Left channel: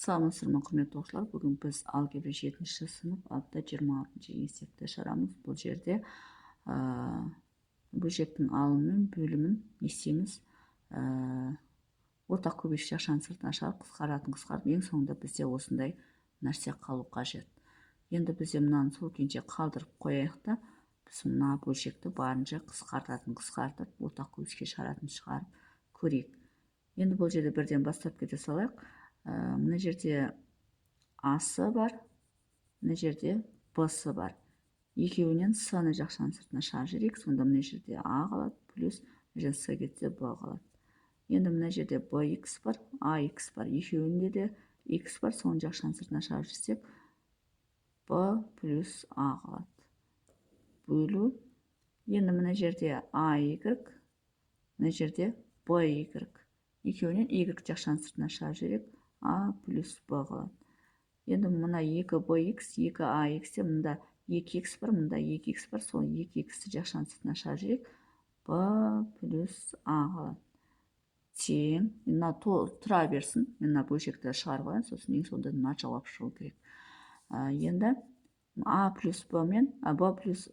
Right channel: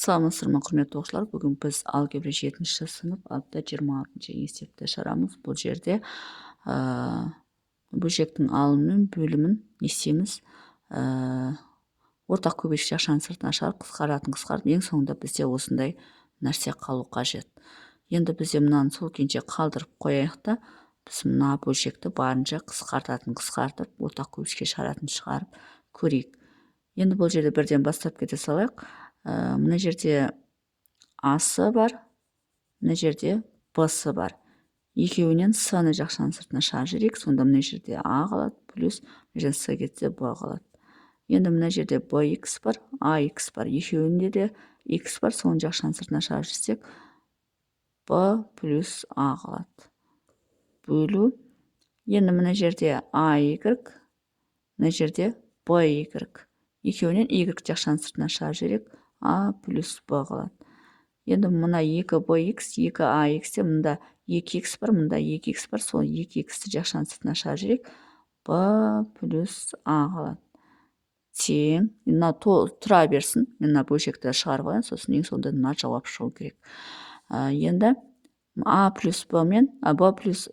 Саламатсыздар құрметті оқушылар, бүгін біз алгебра 7-ші сынып атты 26-ші есепті шығарамыз. Бұл жерде бөлшектің алымы мен бөлімін не істейміз? Ортақ көбейтгіш ақшаның сыртына шығарып, қысқарып, ең соңында бізде осындай нәрсе қалу қажет. Енді бізде мынаны сол күйінше қалдырып қояйық та, біз мына бөлшекті барынша қысқартып, ортақ көбейтгішке шығарып көрейік. Енді бұл жерде бірден бастап кете салайық. Мына жерде А-сы бар, мына жерде Б-сы бар. Екеуінен С-ны жақшаның сыртына шығарып жіберейік. Сонда мына жерде А қалады, плюс мына жерде С кетсе Б қалады. Енді мына жерде Б-х бар, А-х бар. Екеуінде де Х бар, соны жақшаның сыртына шығарып жіберсек, Б плюс А қалады. Бөлу. Енді мына жерде А-y, мына жерде Б-y. Екеуінен y жақшаның сыртына шығарып жіберейік, А плюс Б қалады. Енді мына 2bx, 2ax де мұнда 2x бар, мұнда 2x бар, сол 2x'ті жақшаның сыртына шығарып жіберейік, Б плюс А қалады. Тең, мына тұра берсін, мен мына бөлшекті шығарып алайын, сосын ең соңында мына жауап шығу керек. Енді А плюс Б мен Б плюс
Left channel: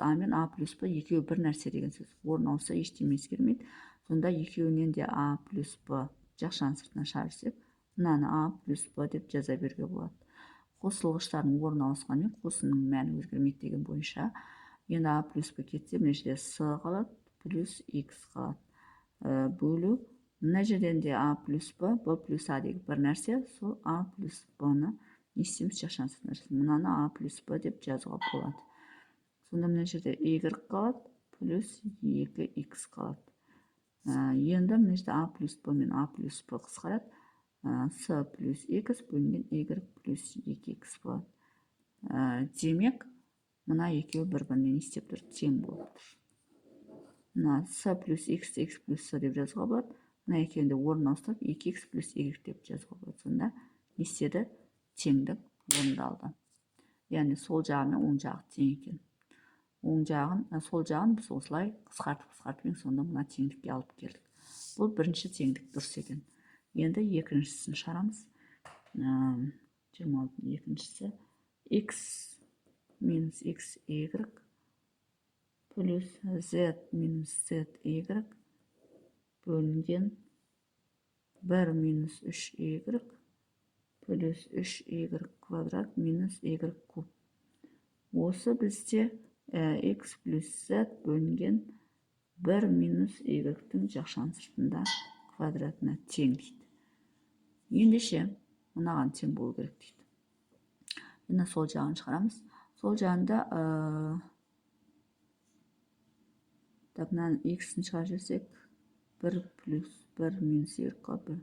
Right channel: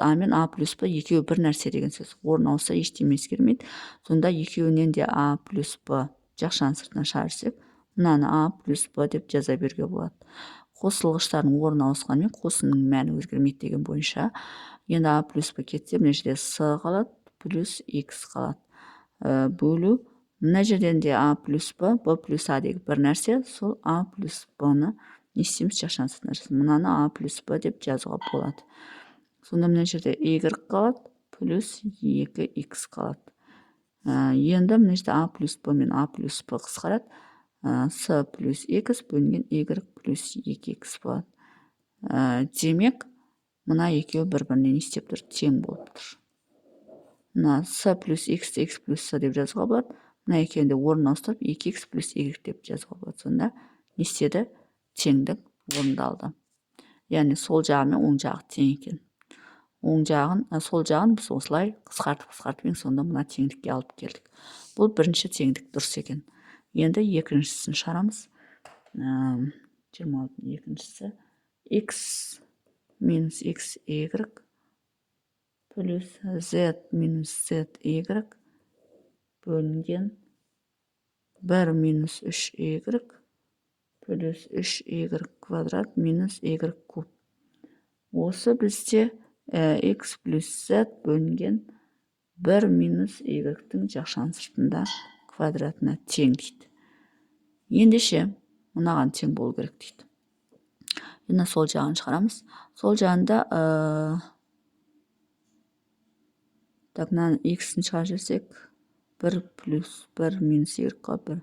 А мен А плюс Б екеуі бір нәрсе деген сөз. Орын ауса ештеме өзгермейді. Сонда екеуінен де А плюс Б жақшаның сыртына шығарсақ, мынаны А плюс Б деп жаза беруге болады. Қосылғыштардың орны ауысқанымен қосынның мәні өзгермейді деген бойынша. Енді А плюс Б кетсе, мына жерде С қалады, плюс Х қалады. Бөлу. Мына жерден де А плюс Б, Б плюс А деген бір нәрсе, сол А плюс Б-ны не істейміз? Жақшаның сыртына жазамыз. Мынаны А плюс Б деп жазуға болады. Сонда мына жерде y қалады, плюс 2x қалады. Енді мына жерде А плюс Б мен А плюс Б қысқарады. С плюс x бөлінген y плюс 2x болады. Демек, мына екеуі бір-біріне не істеп тұр? Тең болып тұр. Мына С плюс x плюс С деп жазуға болады. Мына екеуінде орын ауыстырып, 2x плюс y деп жазуға болады. Сонда не істеді? Теңдік орындалды. Яғни сол жағы мен оң жағы тең екен. Сол жағын біз осылай қысқартып ең сонда мына теңдікке алып келдік. Бұл бірінші теңдік дұрыс екен. Енді екіншісін шығарамыз. 26-ның екіншісі x минус xy плюс z минус zy бөлінген 1 минус 3y плюс 3y квадрат минус y куб. Осы бізде x плюс z бөлінген 1 минус y-тің жақшаның сыртында квадратына тең дейді. Ендеше, мынаған тең болу керек дейді. Енді сол жағын шығарамыз. Сол жағында мынаны x-ін шығарып жіберсек, 1 плюс 1 минус y қалады.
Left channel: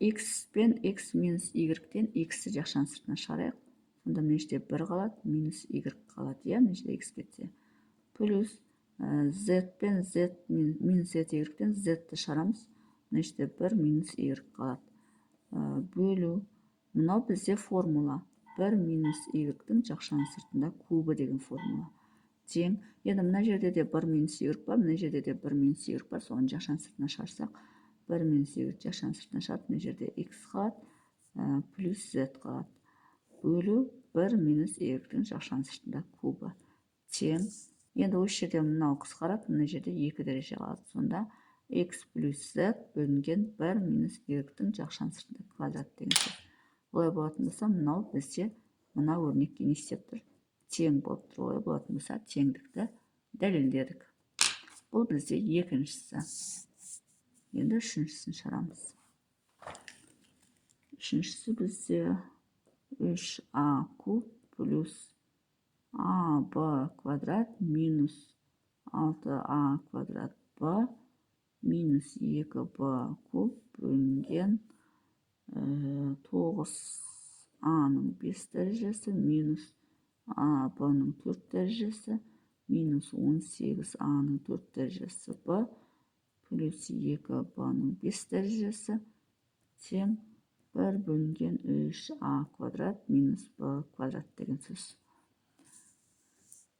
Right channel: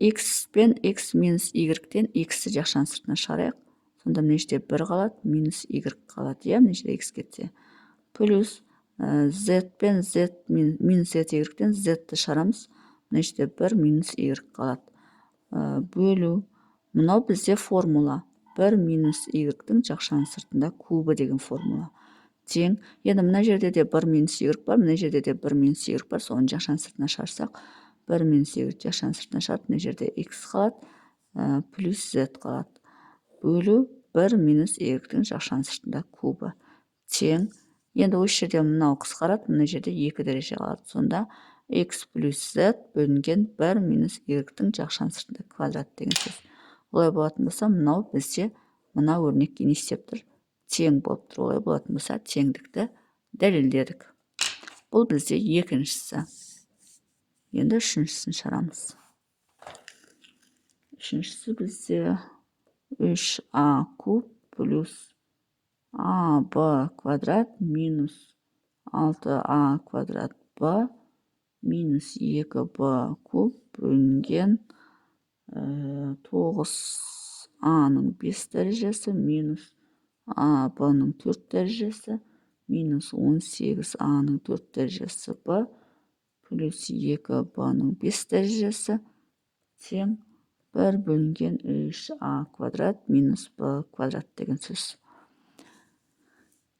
X пен x минус y-тен x-ті жақшаның сыртына шығарайық. Сонда мына жерде 1 қалады, минус y қалады. Мына жерде x кетсе. Плюс z пен z минус y-тен z-ті шығарамыз. Мына жерде 1 минус y қалады. Бөлу. Мынау бізде формула. 1 минус y-тің жақшаның сыртында кубы деген формула. Тең. Енді мына жерде де 1 минус y бар, мына жерде де 1 минус y бар. Соны жақшаның сыртына шығарсақ, 1 минус y жақшаның сыртына шығарып, мына жерде x қалады, плюс z қалады. Бөлу 1 минус y-тің жақшаның сыртында кубы. Тең. Енді осы жерде мынау қысқарады, мына жерде 2 дәреже қалады. Сонда x плюс z бөлінген 1 минус y-тің жақшаның сыртында квадрат деген сөз. Олай болатын болса, мынау бізде мына өрнекке не істеп тұр? Тең болып тұр. Олай болатын болса, теңдікті дәлелдедік. Бұл бізде екіншісі. Енді үшіншісін шығарамыз. Үшіншісі бізде 3a куб плюс ab квадрат минус 6a квадрат b минус 2b куб бөлінген 9a-ның 5 дәрежесі минус ab-ның 4 дәрежесі минус 18a-ның 4 дәрежесі b плюс 2b-ның 5 дәрежесі тең 1 бөлінген 3a квадрат минус b квадрат деген сөз.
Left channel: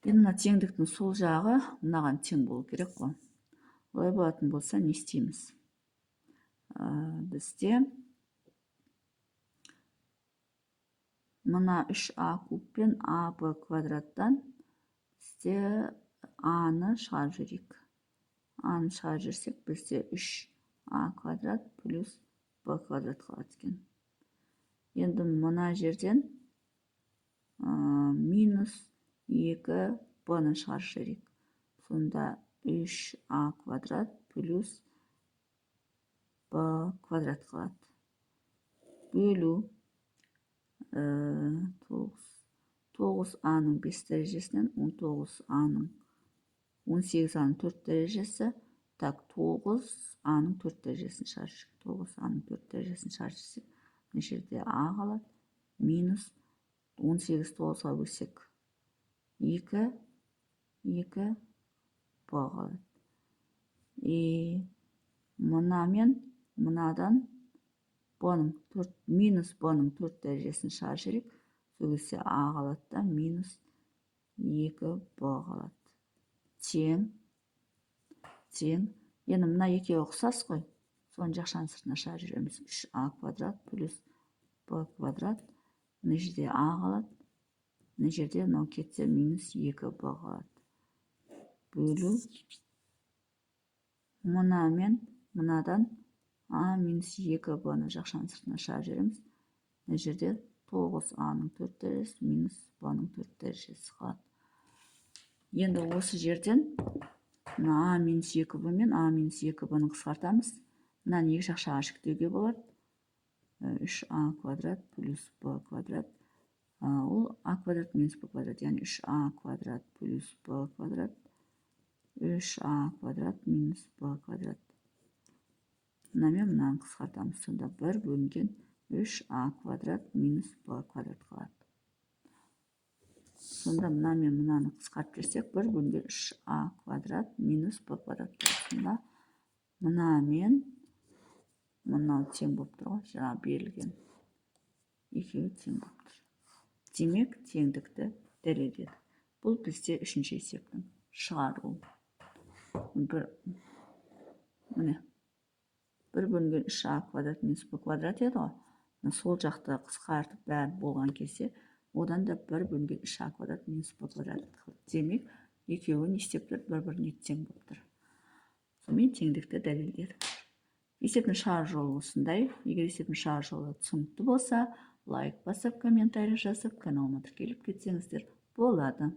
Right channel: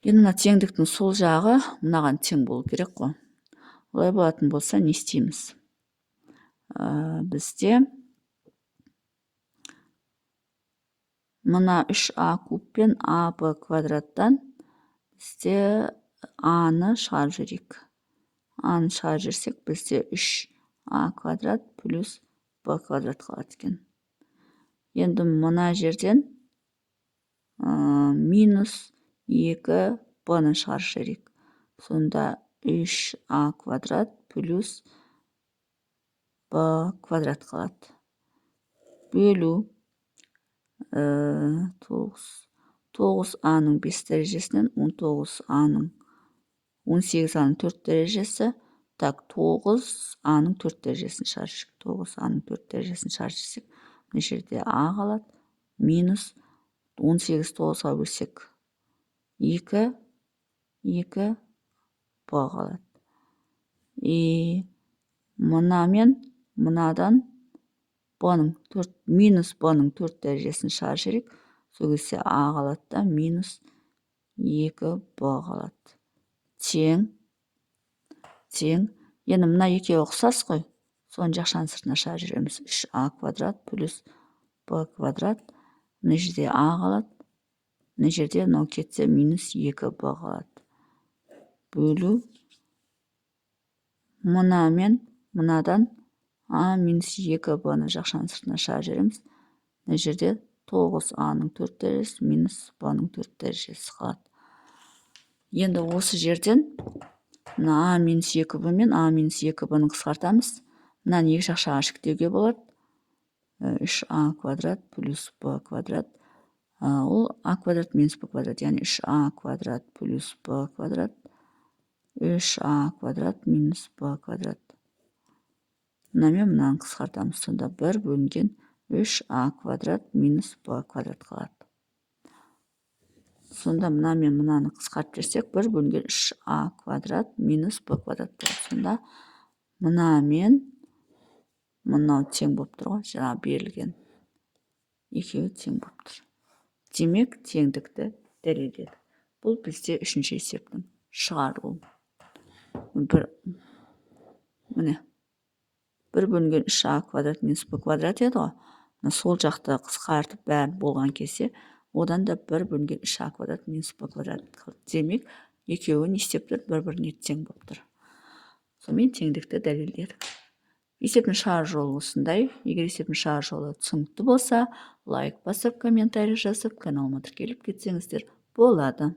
Енді мына теңдіктің сол жағы мынаған тең болу керек қой. Олай болатын болса, не істейміз? Бізде мына 3а куб пен аб квадраттан бізде аны шығарып жіберейік. Аны шығарып жіберсек, бізде 3а квадрат плюс б квадрат қалады екен. Енді мына жерден минус 2 б-ны шығарып жіберейік. Сонда 3а квадрат плюс б квадрат қалады. Бөлу 9а-ның 5 дәрежесінен 19а-ның 18а-ның 4 дәрежесі. Так, 9а-ның 4 дәрежесін шығарып жіберсек. 9а-ның 4 дәрежесін шығарып жіберсек, мына жерде а қалады. Минус 18 9-ға бөлсек 2 б қалады. Мына мен мынадан минус б-ның 4 дәрежесін шығарып жіберейік. Сол кезде а қалады да минус 2 б қалады. Тең. Енді мына екеуі ұқсас қой. Соны жақшаның сыртына шығарып жібереміз. 3а квадрат плюс б квадрат. Мына жерде а қалады. Мына жерде мынау кетсе минус 2 б қалады. Бөлу. Мына мен мынадан а минус 2 б-ны жақшаның сыртына шығарып жібереміз. Мына жерде 9а-ның 4 дәрежесі минус б-ның 4 дәрежесі қалады. Енді осы жерден мына а минус 2 б мен а минус 2 б-ны қысқартамыз. Мынаны екі жақшаға шіктеуге болады. 3а квадрат плюс б квадрат. Ол а квадрат минус б квадрат, яғни 3а квадрат плюс б квадрат. 3а квадрат минус б квадрат. Мына мен мынаны қысқартамыз. Сонда 1 бөлінген 3а квадрат минус б квадрат қалады. Сонда мына мен мынаны қысқартып жіберсек, 1 бөлінген 3а квадрат минус б квадрат болады. Сонда мына мен мынау тең болып тұр ғой, жаңа берілген. Екеуі тең болып тұр. Демек, теңдікті дәлелдедік. Бұл бізде үшінші есептің шығарылуы. Міне 1 бөлінген 3а квадрат минус б квадрат еді ғой. Сол жақты қысқартып бәрі болған кезде, одан да 1 бөлінген 3а квадрат минус б квадрат. Демек, екеуі не істеп тұр? Бір-біріне тең болып тұр. Сонымен теңдікті дәлелдедік. Есептің шығару жолы осындай. Егер есептің шығару жолы түсінікті болса, лайк басып, комментарий жазып, каналыма тіркеліп кетсеңіздер болады.